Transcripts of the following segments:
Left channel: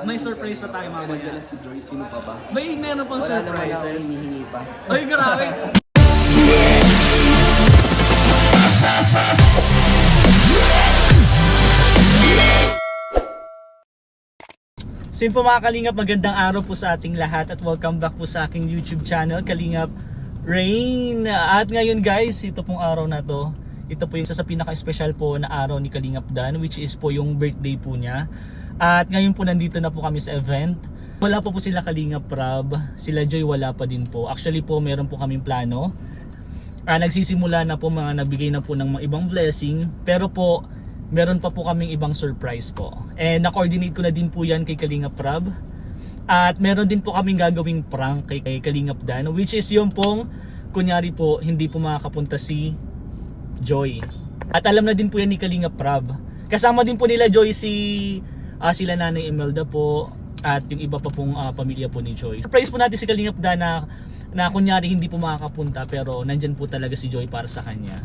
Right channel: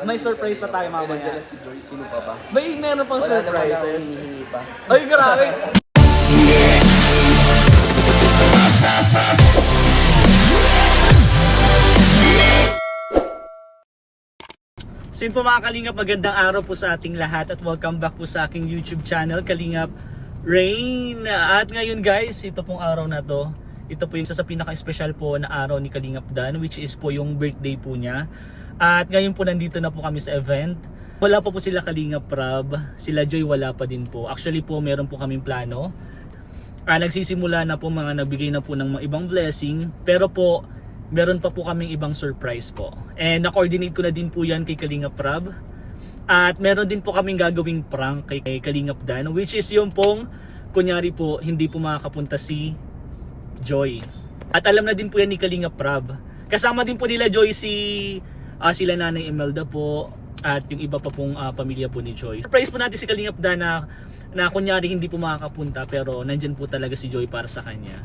may surprise pa tayo mamaya. Nandiyan na si Joy, sino pa ba? May meron pang Wala naman ako surprises. hinihingi pa. Ay, grabe. So yun po mga Kalingap, magandang araw po sa ating lahat at welcome back po sa aking YouTube channel, Kalingap Rain. At ngayon guys, ito pong araw na to, ito po yung isa sa pinaka-special po na araw ni Kalingap Dan, which is po yung birthday po niya. At ngayon po nandito na po kami sa event. Wala pa po sila Kalingap Prab, sila Joy wala pa din po. Actually po meron po kaming plano. Nagsisimula na po, mga nagbigay na po ng mga ibang blessing, pero po meron pa po kaming ibang surprise po. And na-coordinate ko na din po yan kay Kalingap Prab. At meron din po kaming gagawing prank kay Kalingap Dan, which is yung pong kunyari po hindi po makakapunta si Joy. At alam na din po yan ni Kalingap Prab. Kasama din po nila Joy sila Nanay Imelda po at yung iba pa pong pamilya po ni Joy. Surprise po natin si Kalingap Dan na kunyari hindi po makakapunta pero nandyan po talaga si Joy para sa kanya.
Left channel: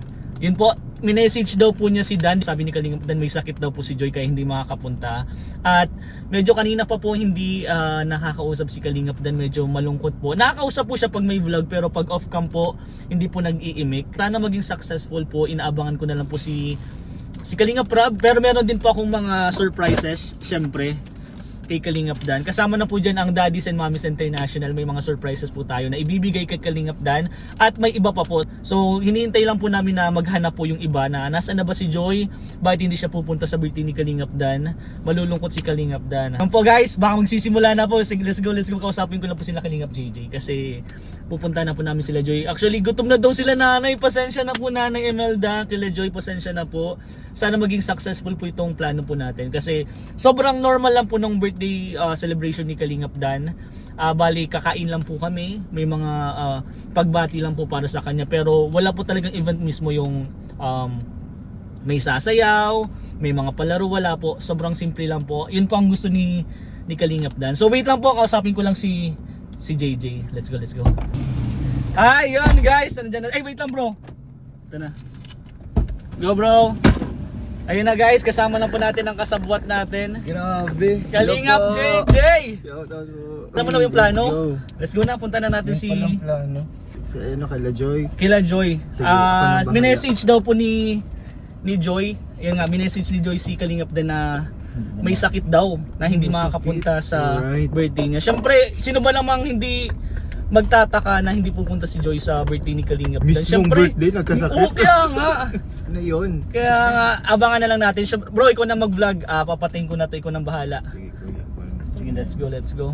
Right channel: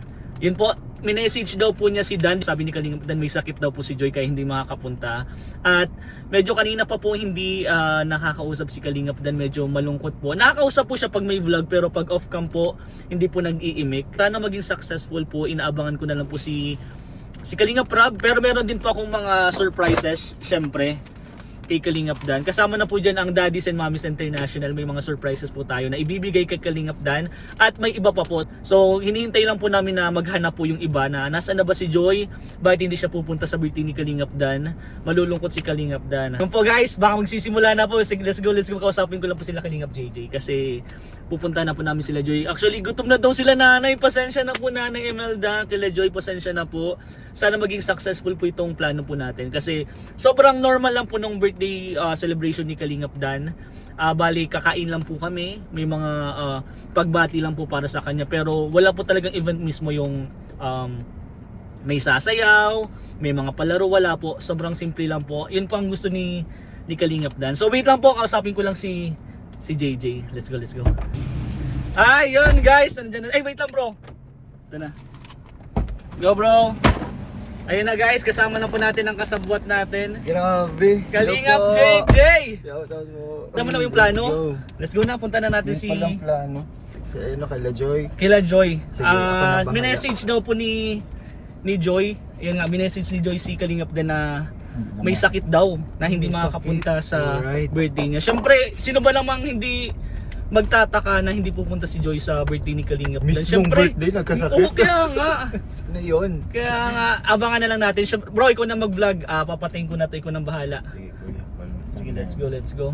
Yun po, minessage daw po niya si Dan. Sabi ni Kalingap Dan may sakit daw po si Joy kaya hindi makakapunta. At medyo kanina pa po hindi nakakausap si Kalingap Dan, medyo malungkot po. Nakakausap po siya pag may vlog pero pag off cam po hindi po nag-iimik. Sana maging successful po, inaabangan ko na lang po si Kalingap Prab. Pero meron din po akong mga surprises syempre kay Kalingap Dan. Kasama na po dyan ang Daddies and Mommies International. May mga surprises po tayo na ibibigay kay Kalingap Dan. At may iba pa po. So hinihintay lang po namin na maghanap po yung iba na nasaan na ba si Joy? Bakit hindi siya pupunta sa birthday ni Kalingap Dan? Malulungkot si Kalingap Dan. Yan po guys, baka magsisimula na po. Let's go. Kausapin ko lang po sila Kalingap JJ. Kasi pupunta na po namin sila Joy. Actually gutom na daw sila nanay. Pasensya na po Nanay Imelda. Kila Joy, pasensya na po. Sana maging successful po itong plano po natin. Kasi sobrang normal lang po ng birthday celebration ni Kalingap Dan. Bali kakain lang po kami, may mga pagbati lang po para sa kanya, pero wala po talagang event mismo yung may sasayaw, may mga palaro, wala po. Sobrang simple lang po. Yun po ang gusto ni Kalingap Dan. So wait lang po, kausapin ko lang si JJ. Let's go. Yun guys, nandiyan na. Ay wait lang bro. Ito na. Go bro. Ayun na guys, kasama na po natin ang kasabwat natin. Grabe. Kalingap JJ! Shoutout po. Alam mo na yung plano? Let's go na, punta na natin si... Walang plano. Si kala Joy. Kila Joy. Sige, ako na bahala. Minessage daw po ni Joy. Yun nga, minessage ni Joy si Kalingap Dan na may sakit daw na hindi May makakapunta sakit. sa Alright. birthday niya. Siyempre, sino ba namang hindi magtataka na hindi pupunta si Joy sa birthday ni Kalingap Dan? Mismong birthday, nagkasakit. Oo, kaya nga. Ano yun? Kaya abangan na lang natin. Bro, ikaw na mag-vlog. Papatayin ko na to, ikaw nang bahala. Sige kuya. Sige, let's go.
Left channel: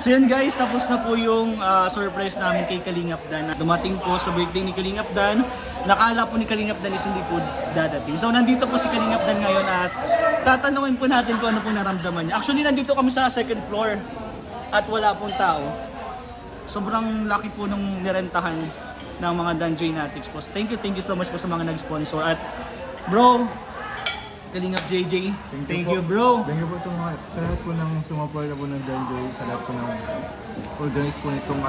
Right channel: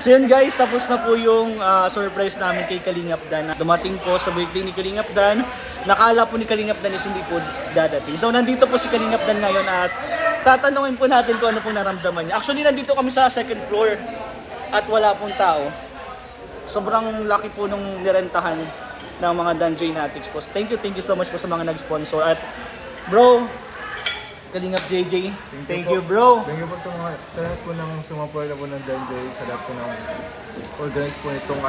So yun guys, tapos na po yung surprise namin kay Kalingap Dan. Dumating po sa birthday ni Kalingap Dan. Nakala po ni Kalingap Dan is hindi po dadating. So nandito po si Kalingap Dan ngayon at tatanungin po natin kung ano po naramdaman niya. Actually nandito kami sa second floor at wala pong tao. Sobrang laki po nung nirentahan ng mga Dan Drainatics po. Thank you so much po sa mga nag-sponsor. At bro, Kalingap JJ, thank you bro. Thank you po sa lahat po ng sumuporta po ng Danjoy, sa lahat po ng organize po itong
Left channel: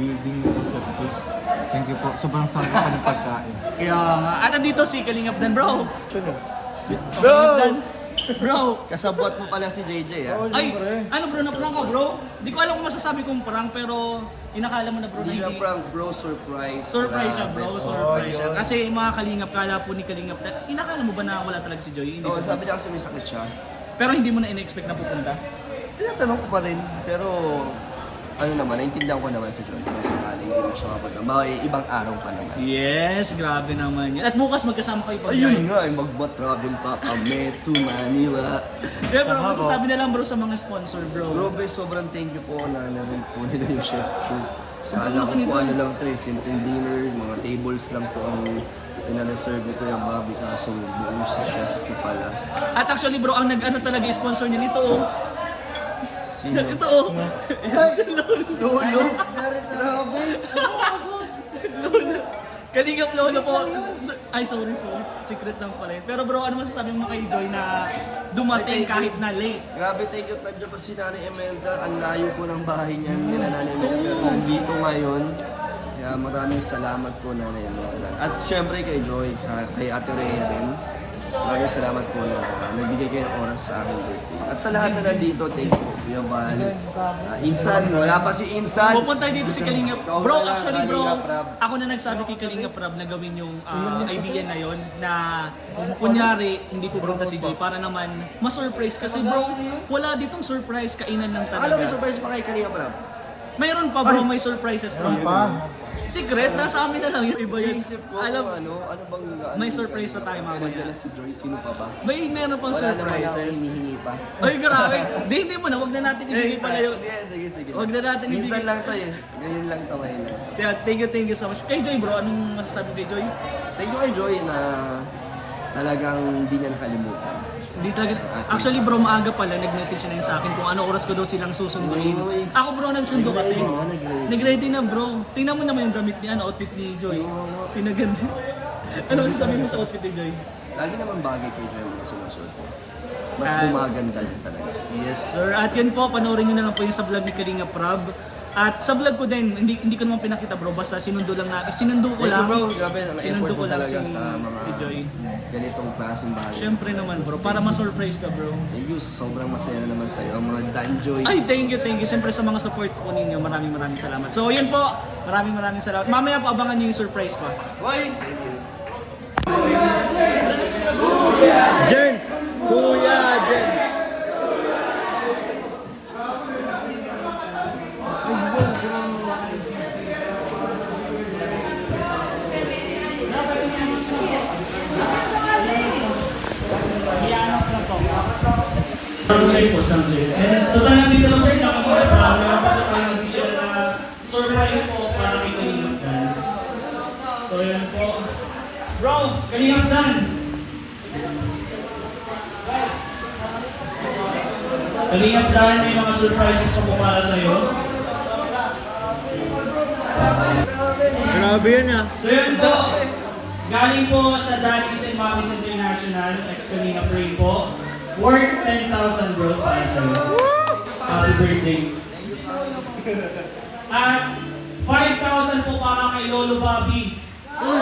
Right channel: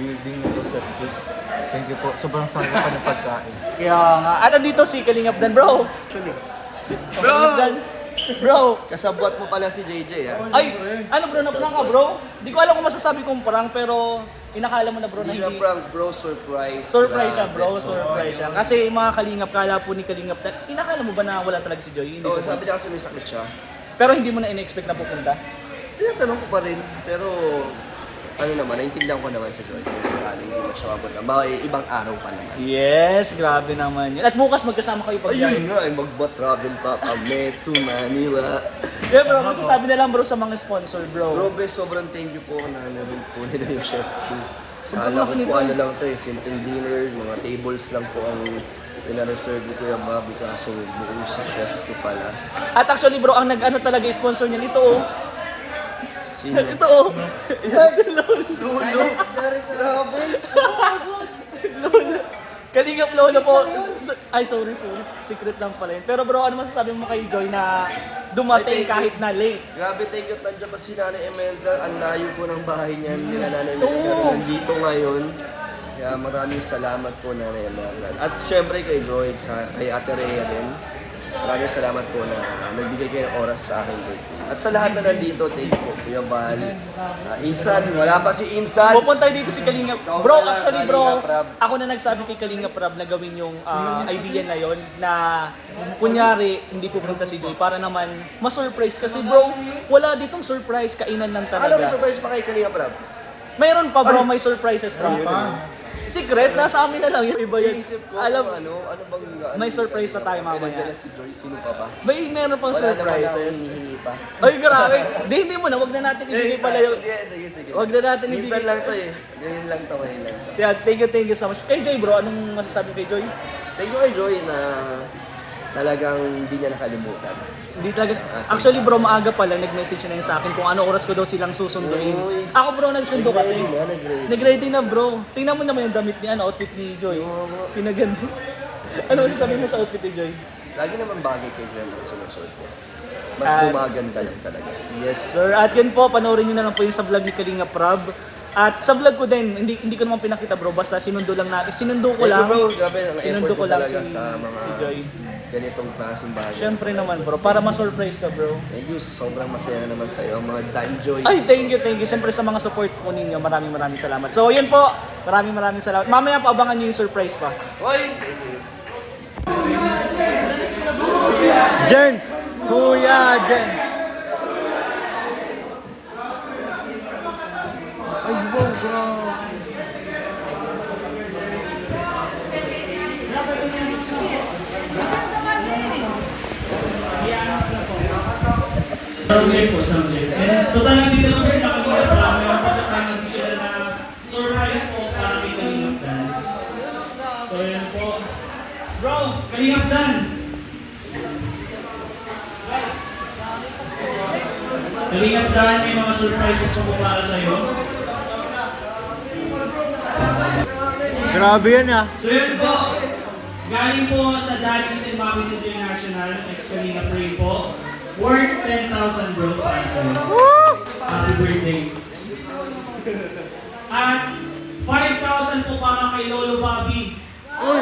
building nito, Chef Chris. Thank you po. Sobrang sarap pa ng pagkain. Kaya nga. At nandito si Kalingap Dan bro. Kalingap Dan. Bro! Kasabwat mo pala si JJ Ay! Ano bro, na-prank ka bro? Di ko alam kung masasabi kong prank pero inakala mo na bro na Hindi siya prank bro, surprise. Surprise siya bro, Grabe, surprise siya. Kasi mga Kalingap, kala po ni Kalingap Dan, inakala mo ba na wala talaga si Joy? Hindi Oo, po ba? sabi niya kasi may sakit siya. Pero hindi mo na in-expect na pupunta? Tinatanong ko pa rin, pero ano naman, naintindihan ko naman si Joy kung sakaling hindi mo siya mapunta. Baka ibang araw pa naman. Yes, grabe naman yun. At bukas magkasama kayo pag Ayun nga, mag-travel pa kami to Manila. Yeah, bro, masasabi na lang bro sa mga sponsor, bro. Bro, sobrang thank you po na rin po nila yung Chef Chu. Sobrang Kala ko laki po nito. ano lang to eh, simpleng dinner, mga tables lang po ang pinareserve ni Kuya Bobby kaso buong si Chef Chu pala. At actually bro, ang nag-ano talaga sponsor niya nito oh. Sino? Ito oh. Yan si Lolo. Sorry, grabe. Lolo. Kalingap Lolo po. Ay, sorry. Secret lang pala yun. Pero bro, ano masasabi mo kay Joy na dumating kahit na late? Grabe, thank you. Nandiyan pa si Nanay Imelda. Ang layo po ng bahay niyan nila Nanay Imelda. Pero Oo. nandito ngayon. Kaya maraming salamat po Nanay Imelda. At syempre kay Joy, kay Ate Rhea din. Maraming salamat po na nagbigay kayo ng oras sa aking birthday. At sa lahat na nandito, thank you po, Kuya Val. Insan, wala pa si Insan. Pupunta dito si Kalingap. Ikaw Bro, na lang, actually bro, Kalingap Rab. ako na nagsabi kay Kalingap Rab na gawin yung idea na yon na kunyari hindi pupunta si Joy para naman ma-surprise kasi bro, wala ditong surprise, kainan lang Ano may talaga. surprise pa kay Kalinga Prab? Mayroon pa bro, Ay. may surprises pa. Ayun. Secret, nasa amin na lang yung iba yun. Inisip ko, Alam, ano bang... may surprise pa tayo mamaya. Nandiyan na si Joy, sino pa ba? meron pang Wala naman ako surprises. hinihingi pa. Ay, grabe. Hindi mo na, wag na natin ibigay pala yung... Sige. Wag na natin Minsan ibigay. lang to eh. Ngayon lang to. Yeah, thank you so much. Kay Joy bro, anong masasabi kay Joy? Thank you kay Joy na talagang hindi niya nakalimutan. Hindi talaga. Actually bro, maaga pa lang nag-message na yun sa akin kung ano oras ko daw silang susunduin. Uy, Ako bro, nagsundo kasi. Nag-ready. Nag-ready na bro. Tingnan mo naman yung damit niya, outfit ni Joy. Oo. Pinaganda. Ano masasabi mo sa outfit ni Joy? Lagi naman bagay kay Joy ang mga sinusuot niya. Mas Ah. gumaganda lang talaga. Yes sir. At yun po, panoorin nyo na lang po yung sa vlog ni Kalinga Prab. At sa vlog ko din, hindi ko naman pinakita bro, basta sinundo lang natin. Sinundo ko Thank you lang. bro, grabe. Ang Sinundo effort ko mo lang talaga si, sa mga si Joy. ganitong klaseng bagay. Siyempre naman bro, para ma-surprise ka bro. Thank you, sobrang masaya na naman sa'yo. Ang mga Dan Joy. Ay, thank you. Siyempre sa mga support po ninyo, maraming salamat. So, yun po. Maraming salamat. Mamaya po abangan nyo yung surprise pa. Hoy! Thank you. Jens! Kuya Jens! Ay, wow, bro! Subject po, subject. And total nandito lang po sila Kalingap Dan. Meron pa po tayong additional na surprise po para kay Kalingap Dan. So, yun po. Bro, Kalingap Dan! Kalingap Dan, may mga surprises pa po para sa'yo. Grabe yan ah! So yun po, galing po sa Daddy's and Mommy's International, ex-Kalingap Ray po. Worth 10,000 bro para sa'yo. Happy birthday. At 5,000 po para kay Lolo Bobby. Uy!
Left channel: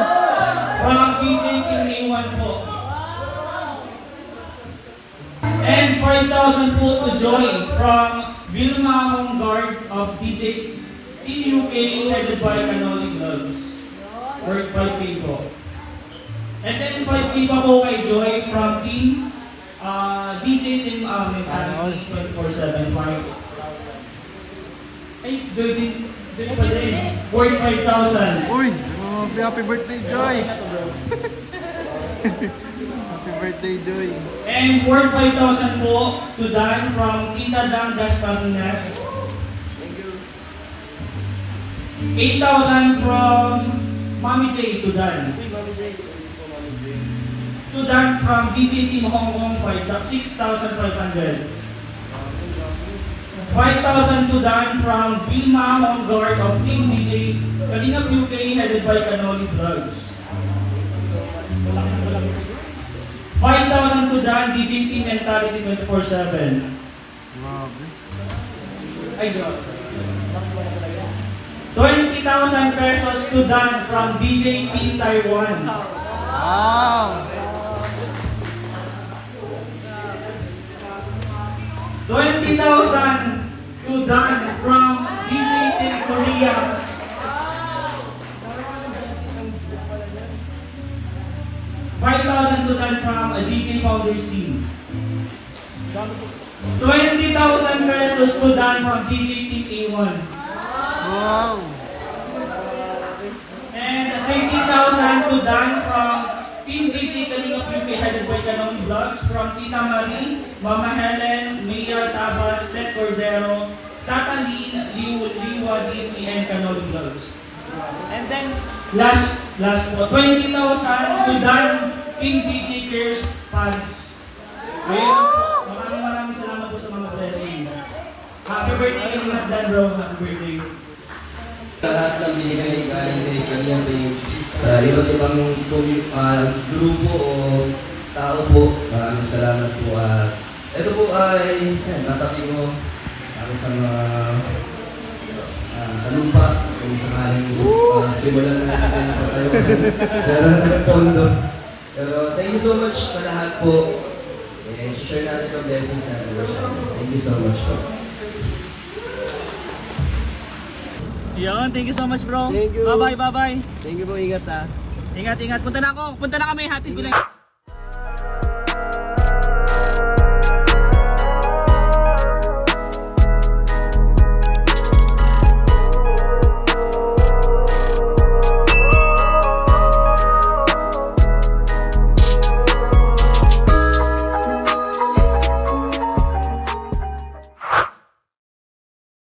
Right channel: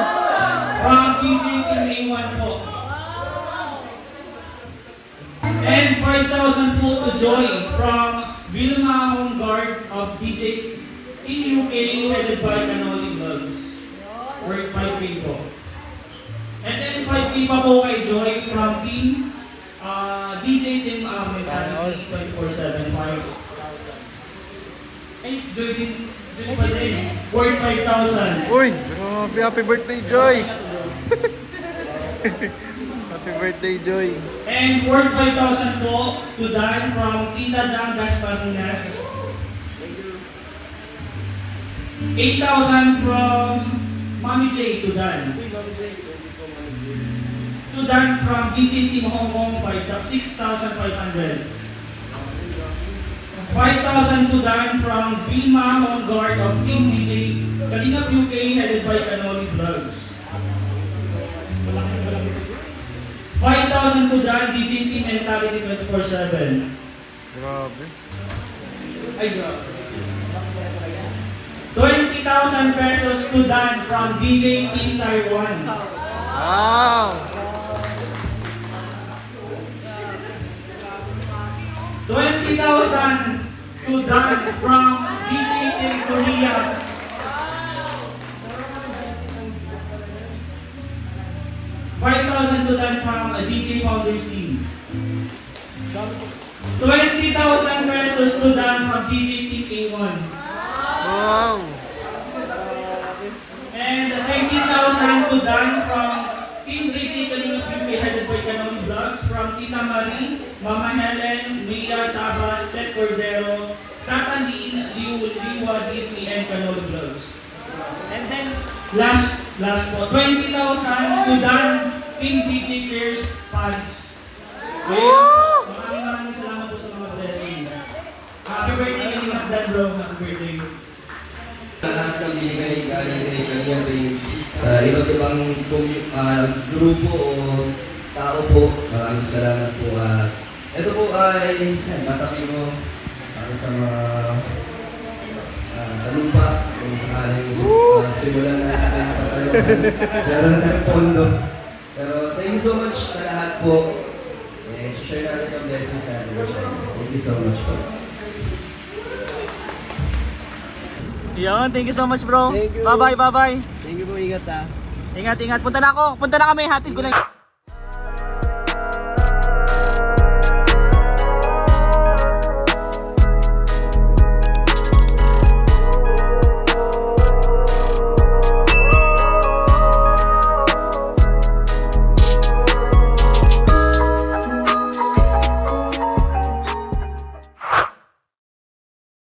From DJ Team A1 po. And 5,000 po to Joy from Vilma Home Guard of DJ Team UK headed by Canoli Vlogs. Worth 5K po. And then 5K pa po kay Joy from Team DJ Team Mentality 24/7 Ay, Joy pa din. Worth 5,000. Uy! Grabe! Happy birthday, Joy! Happy birthday, Joy! And worth 5,000 po to Dan from Tita Dang Das Paminas. 8,000 from Mami J to Dan. To Dan from DJ Team Hong Kong 6,500. 5,000 to Dan from Vilma Hong Guard of Team DJ Kalingap UK headed by Canoli Vlogs. 5,000 to Dan DJ Team Mentality 24/7. Grabe! Ay, grabe. 20,000 pesos to Dan from DJ Team Taiwan. Wow! 20,000 to Dan from DJ Team Korea. 5,000 to Dan from a DJ Founders team. 20,000 pesos to Dan from DJ Team A1. Wow! And 20,000 to Dan from Team DJ Kalingap UK headed by Kanomi Vlogs, from Tita Marie, Mama Helen, Mia Sabas, Ted Cordero, Tata Lee, Liwa, Disney, and Kanomi Vlogs. And then, last po, 20,000 to Dan, Team DJ Pierce Pags. Ayun po, maraming salamat po sa mga blessing. Happy birthday Kalingap Dan bro, happy birthday. Sa lahat ng binigay galing kay Kalingap Rain, sa iba't ibang grupo o tao po, maraming salamat po. Ito po ay natabi ko para sa mga sa lupa, kung sakaling simulan na natin ang katalungan. Pero nagpondo. Pero thank you so much sa lahat po. Share natin ang blessings sa atin. Thank you so much po. Yan, thank you so much bro. Thank you. Bye-bye, bye-bye. Thank you po, ingat ha. Ingat, ingat. Punta na ako. Punta na kami. Hatid ko lang.